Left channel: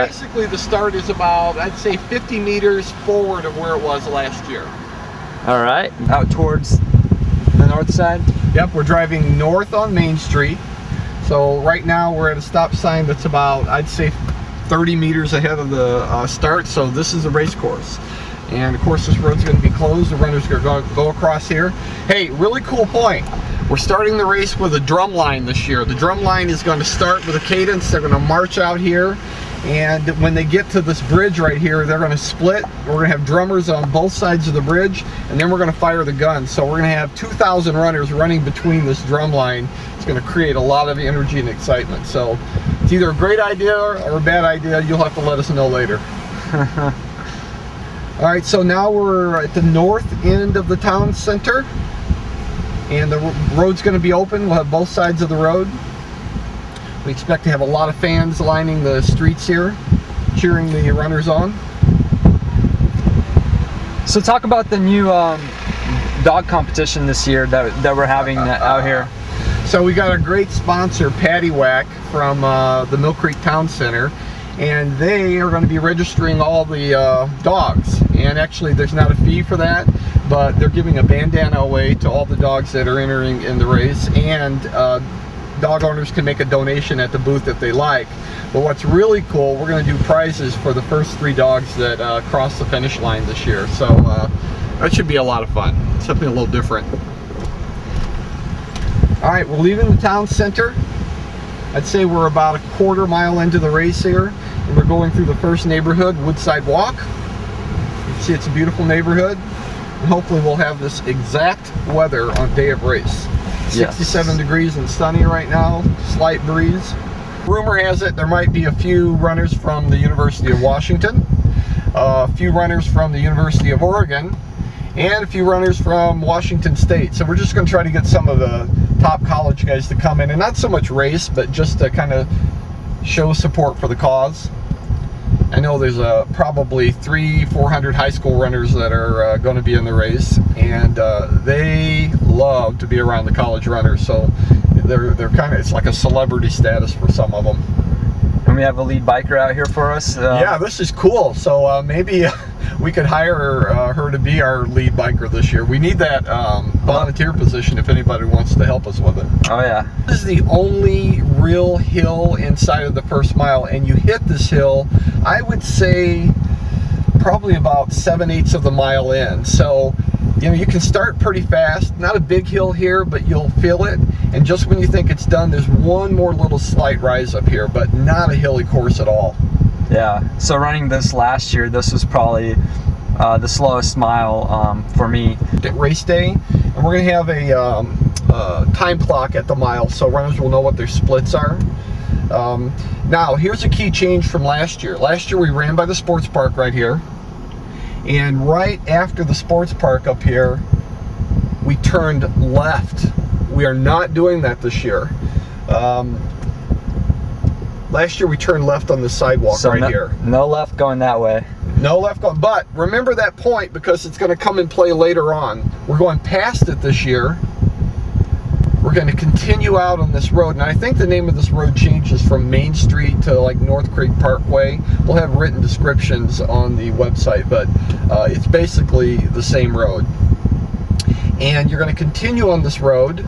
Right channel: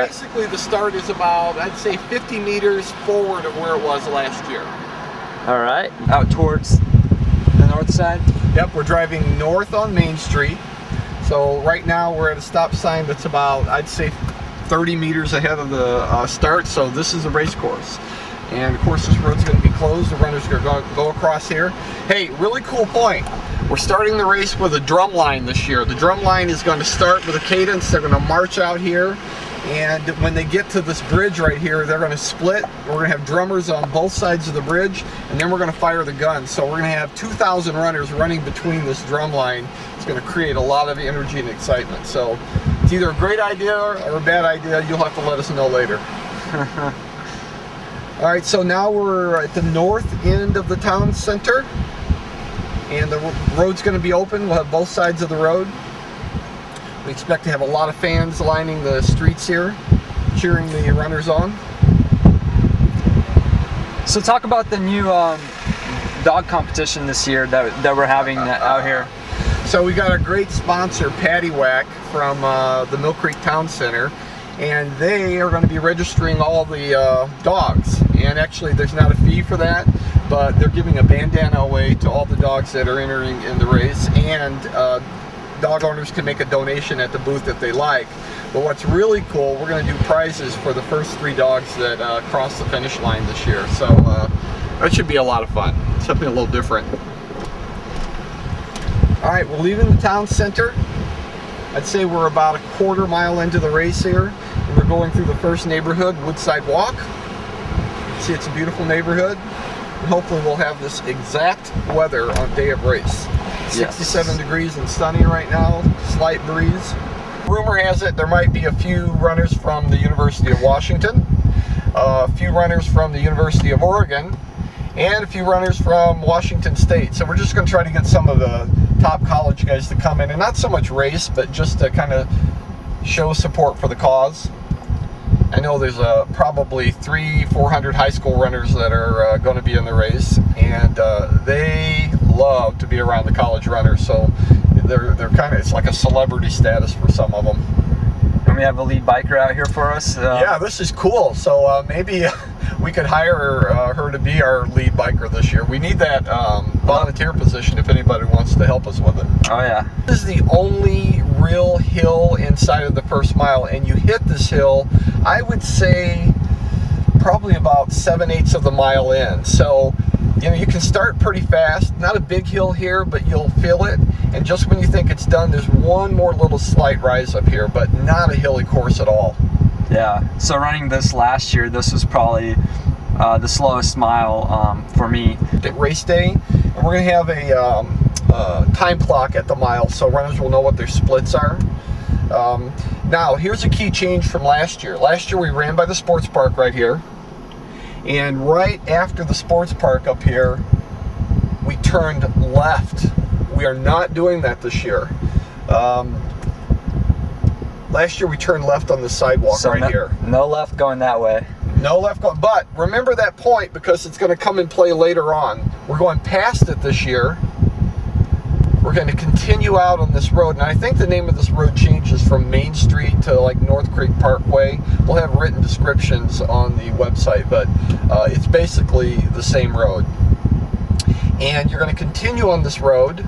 right. Basically, the start is about, I'd say, 50 meters forward of where it was last year. All right, out towards the north side? Yep, we're driving north on Main Street. So right now we're at a stop sign that's about, I'd say, 30 meters ahead of the start. So this is a race course. And of course this road's going to be closed. The runners are going to go across here. Hey, really cool point. We're starting the race with a drum line this year. The drum line is going to start with a cadence. They're going to march out here. And when they get to this bridge right here, they're going to split. We're going to have drummers on both sides of the bridge, and then we're going to fire the gun. So we're going to have 2,000 runners running between this drum line. It's going to create a lot of energy and excitement. So it's either a great idea or a bad idea. You'll have to let us know later. All right, so now we're at the north end of the town center, and the road's going to be open. We'll have both sides of the road. We expect to have a lot of fans lining the streets here, cheering the runners on. So talk about the new dog competition this year that we're having out here. So we got a great sponsor, Patty Whack, from the Mill Creek Town Center, and they are going to be registering all the dogs. And actually there's not a fee for that, but they're giving a bandana away to all the dogs that are entering in the race, and dog owners can make a donation at the booth if they like. But what's really cool, we're going to do prizes for the first 3 dogs that cross the finish line this year. So that should be a lot of fun. Something a little different. All right, we're leaving the town center. I'd say we're about a quarter mile into the race here, and we're going through the first neighborhood, Woodside Walk. You can see it's a beautiful neighborhood, and hopefully we'll have this exact weather on day of race. 67 degrees and sunny right now, slight breeze. Rumor has it there might be a few runners from the University of Washington, a few runners from the University of Oregon, and a few runners from Washington State. So we're just going to try to get some of the top college guys to come in, and not so much race, but just to kind of show support for the cause. I know there's probably 300-400 high school runners that are going to be in the race, and they love to be around the college runners. So they're kind of, it's like a celebrity status for some of them. And we have a lead biker out here for us. Yeah, this is cool. So maybe we could hire her to be our lead biker this year. We need that volunteer position if anybody wants to help us with it. Oh yeah. This is the only real hill inside of the first mile, and you hit this hill, I would say, probably about 7/8 of the mile in. So, you know, you can start pretty fast. Not a big hill here, but you'll feel it. And just when you think it's done, there's one more little slight rise up here, but not a hilly course at all. Yeah, so running this last year, this was probably the slowest mile for me. Race day, and we're gonna have a time clock at the mile, so runners will know what their splits are. Now, here's a key change from last year. Last year we ran by the sports park right here, and right after the sports park up here, we turned left. We are not doing that this year. Last year we turned left on the sidewalk, so right here. No left going that way. No left going, but remember that point because it's going to come in play later on. We're going past it this year. We're going to continue out on this road, and I think the name of this road changes from Main Street to like North Creek Parkway. We'll have written descriptions on the website, but it's basically the same road. And you're going to continue on this road.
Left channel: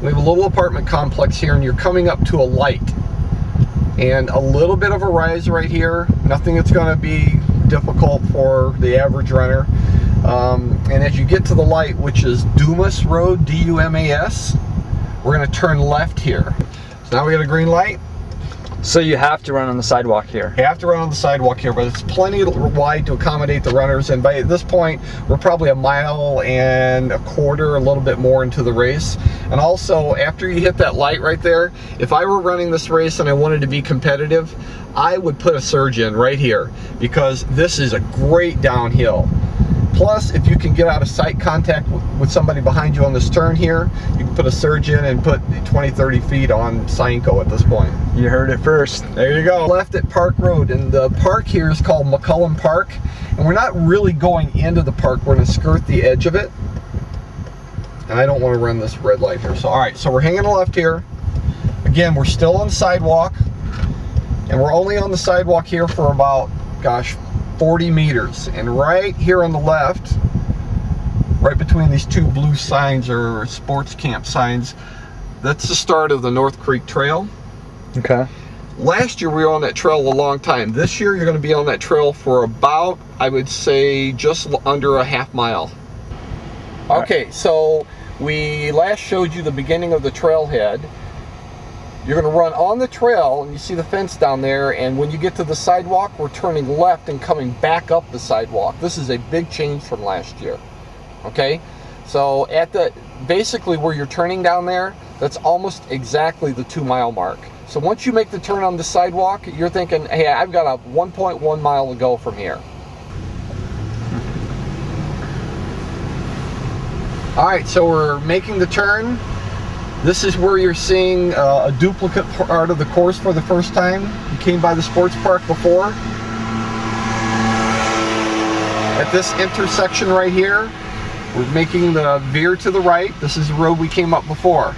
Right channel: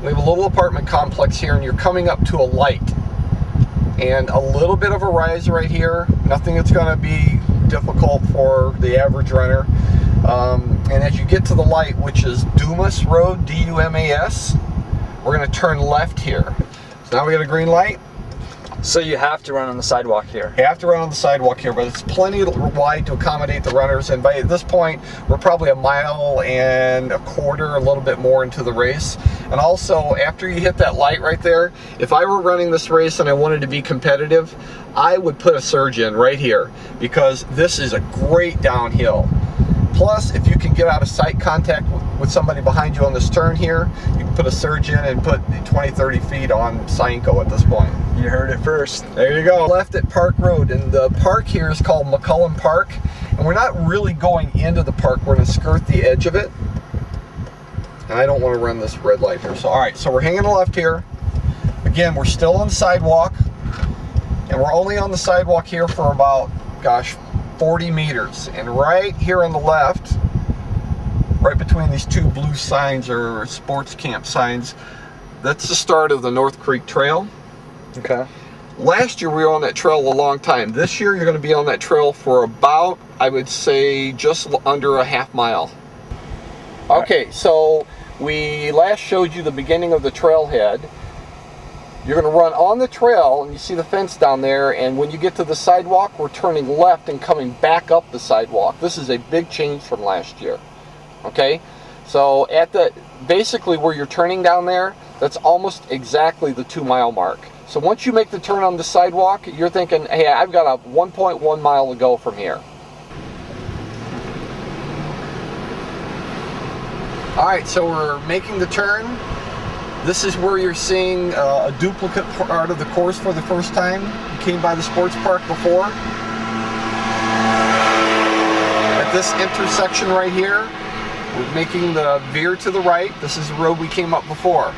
We have a little apartment complex here, and you're coming up to a light. And a little bit of a rise right here. Nothing that's going to be difficult for the average runner. And as you get to the light, which is Dumas Road, D-U-M-A-S, we're going to turn left here. So now we got a green light. So you have to run on the sidewalk here. You have to run on the sidewalk here, but it's plenty wide to accommodate the runners. And by this point, we're probably 1.25 miles, a little bit more into the race. And also, after you hit that light right there, if I were running this race and I wanted to be competitive, I would put a surge in right here because this is a great downhill. Plus, if you can get out of sight contact with somebody behind you on this turn here, you can put a surge in and put 20-30 feet on Scienco at this point. You heard it first. There you go. Left at Park Road, and the park here is called McCullum Park, and we're not really going into the park. We're going to skirt the edge of it, and I don't want to run this red light here. So, all right, so we're hanging left here. Again, we're still on the sidewalk. And we're only on the sidewalk here for about, gosh, 40 meters. And right here on the left, right between these two blue signs or sports camp signs, that's the start of the North Creek Trail. Okay. Last year we were on that trail a long time. This year you're going to be on that trail for about, I would say, just under a half mile. Okay, so we last showed you the beginning of the trailhead. You're going to run on the trail, and you see the fence down there, and when you get to the sidewalk, we're turning left and coming back up the sidewalk. This is a big change from last year. Okay, so at the basically where you're turning down there, that's almost exactly the 2-mile mark. So once you make the turn on the sidewalk, you're thinking, hey, I've got a 1.1 mile to go from here. All right, so we're making the turn. This is where you're seeing a duplicate part of the course for the first time. You came by the sports park before. At this intersection right here, we're making the veer to the right. This is the road we came up before.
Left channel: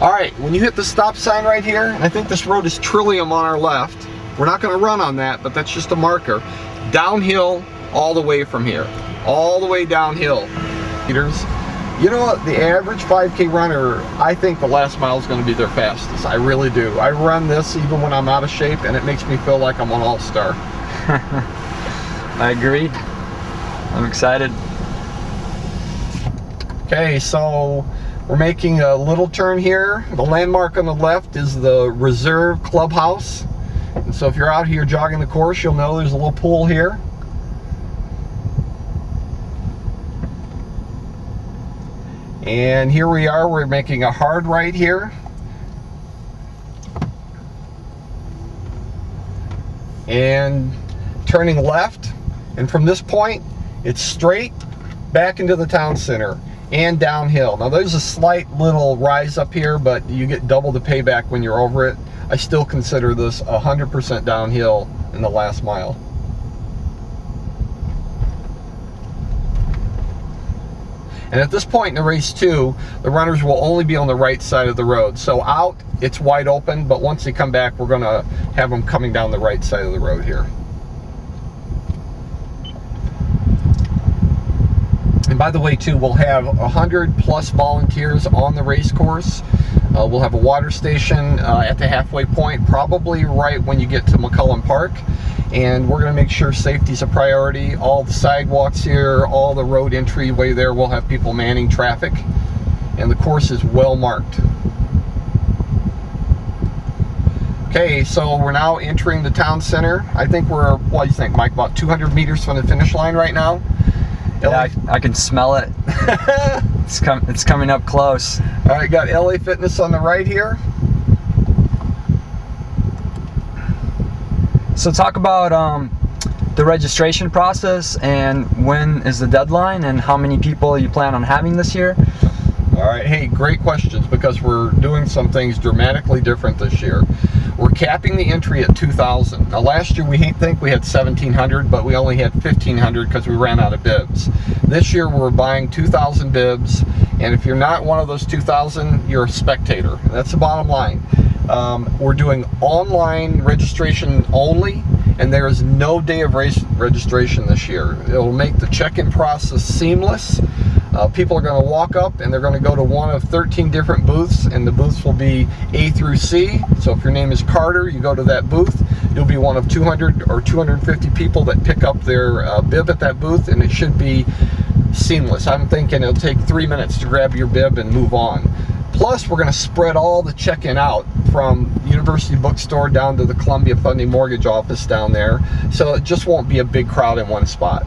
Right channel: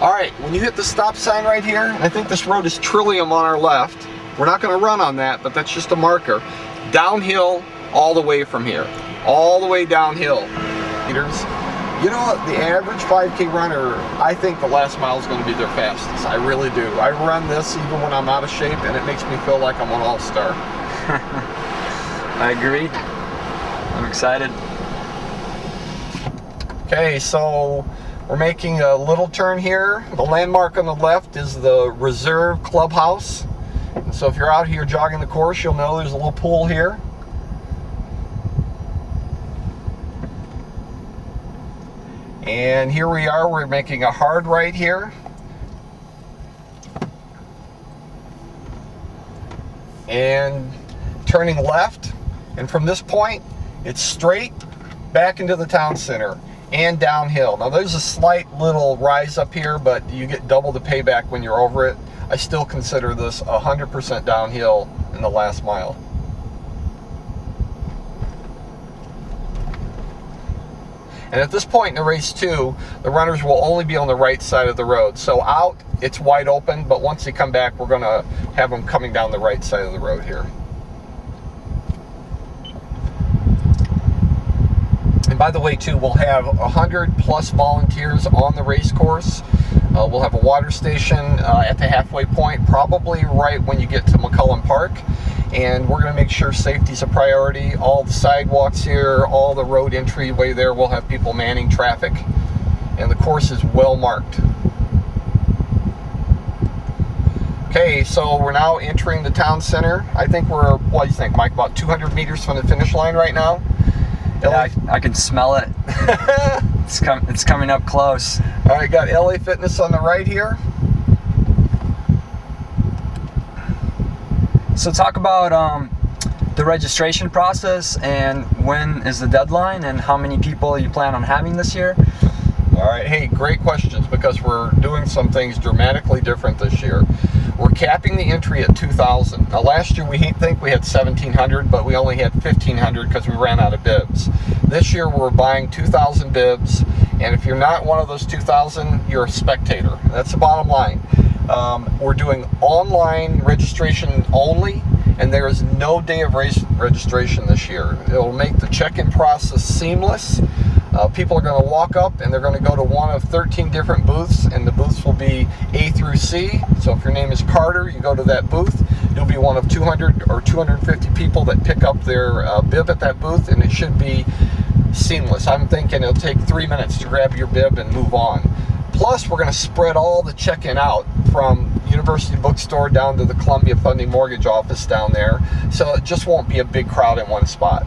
All right, when you hit the stop sign right here, and I think this road is Trillium on our left. We're not going to run on that, but that's just a marker. Downhill all the way from here. All the way downhill. Meters. You know what, the average 5K runner, I think the last mile is going to be their fastest. I really do. I run this even when I'm out of shape, and it makes me feel like I'm an all-star. I agree. I'm excited. Okay, so we're making a little turn here. The landmark on the left is the Reserve Clubhouse. And so if you're out here jogging the course, you'll know there's a little pool here. And here we are, we're making a hard right here. And turning left. And from this point, it's straight back into the town center and downhill. Now there's a slight little rise up here, but you get double the payback when you're over it. I still consider this 100% downhill in the last mile. And at this point in the race too, the runners will only be on the right side of the road. So out, it's wide open, but once they come back, we're gonna have them coming down the right side of the road here. And by the way too, we'll have 100+ volunteers on the race course. We'll have a water station at the halfway point, probably right when you get to McCullen Park. And we're going to make sure safety's a priority. All the sidewalks here, all the road entryway there, we'll have people manning traffic. And the course is well marked. Okay, so we're now entering the town center. I think we're, what do you think, Mike, about 200 meters from the finish line right now? Yeah, I can smell it. It's coming up close. All right, got LA Fitness on the right here. So talk about the registration process and when is the deadline and how many people you plan on having this year. All right, hey, great questions, because we're doing some things dramatically different this year. We're capping the entry at 2,000. Now last year we think we had 1,700, but we only had 1,500 because we ran out of bibs. This year we're buying 2,000 bibs, and if you're not one of those 2,000, you're a spectator. That's the bottom line. We're doing online registration only, and there is no day of race registration this year. It'll make the check-in process seamless. People are going to walk up and they're going to go to one of 13 different booths, and the booths will be A through C. So if your name is Carter, you go to that booth. You'll be one of 200 or 250 people that pick up their bib at that booth, and it should be seamless. I'm thinking it'll take 3 minutes to grab your bib and move on. Plus, we're going to spread all the check-in out from University Bookstore down to the Columbia Funding Mortgage office down there, so it just won't be a big crowd in one spot.